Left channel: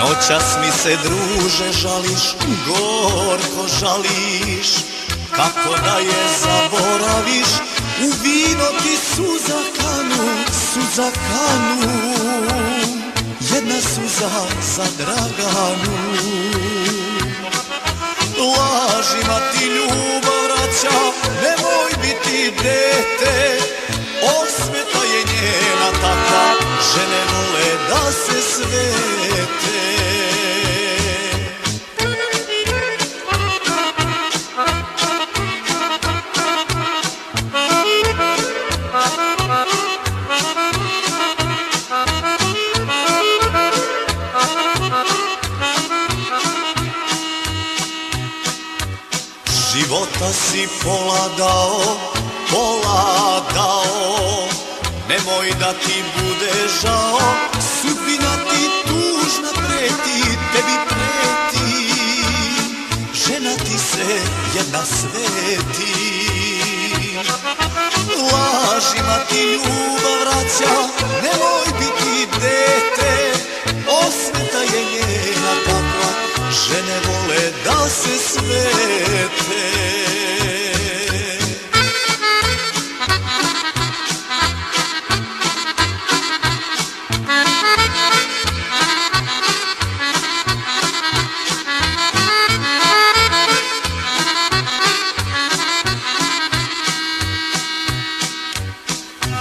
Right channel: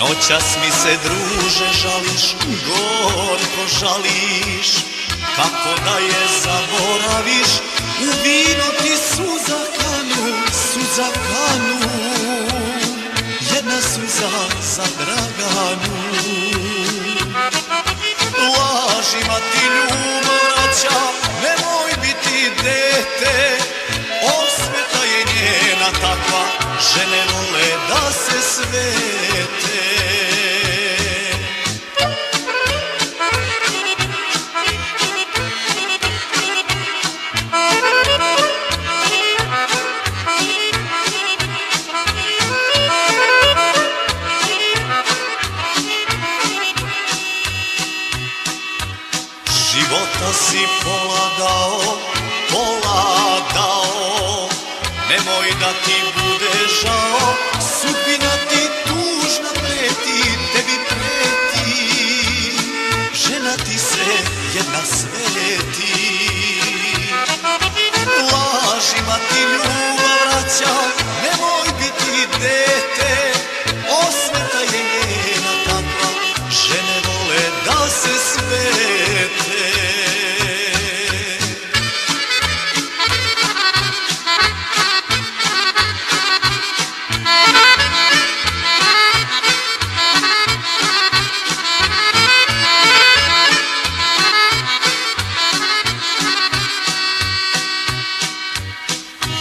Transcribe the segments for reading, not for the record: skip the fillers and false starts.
Noćas mi se druže žališ, gorko žališ, kako da je zaboraviš, u vino ti suza kanu, jedna suza za Draganu. Lažima ti ljubav vraća, nemoj biti dete, osveta je njena takva, žene vole da se svete. Života si pola dao, nemoj da ti bude žao, sudbina ti tužna preti, tebi preti, žena ti se jedna sveti. Lažima ti ljubav vraća, nemoj biti dete, osveta je njena takva, žene vole da se svete.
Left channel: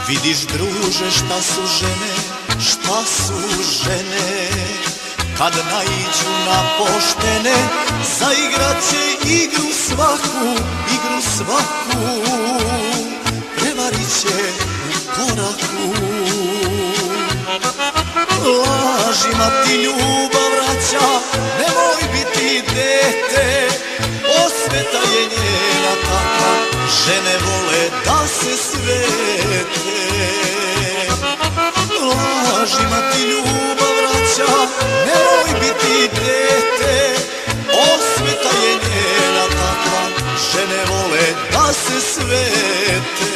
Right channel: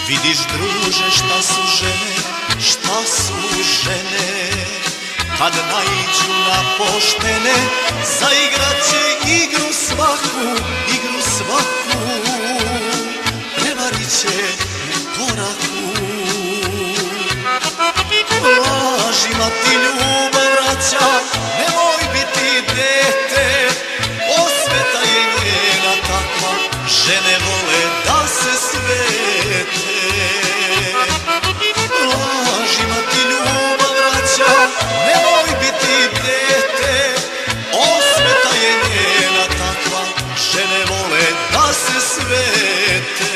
Vidiš druže šta su žene, kad naiđu na poštene, zaigraće igru svaku, prevarit će u koraku. Lažima ti ljubav vraća, nemoj biti dete, osveta je njena takva, žene vole da se svete. Lažima ti ljubav vraća, nemoj biti dete, osveta je njena takva, žene vole da se svete.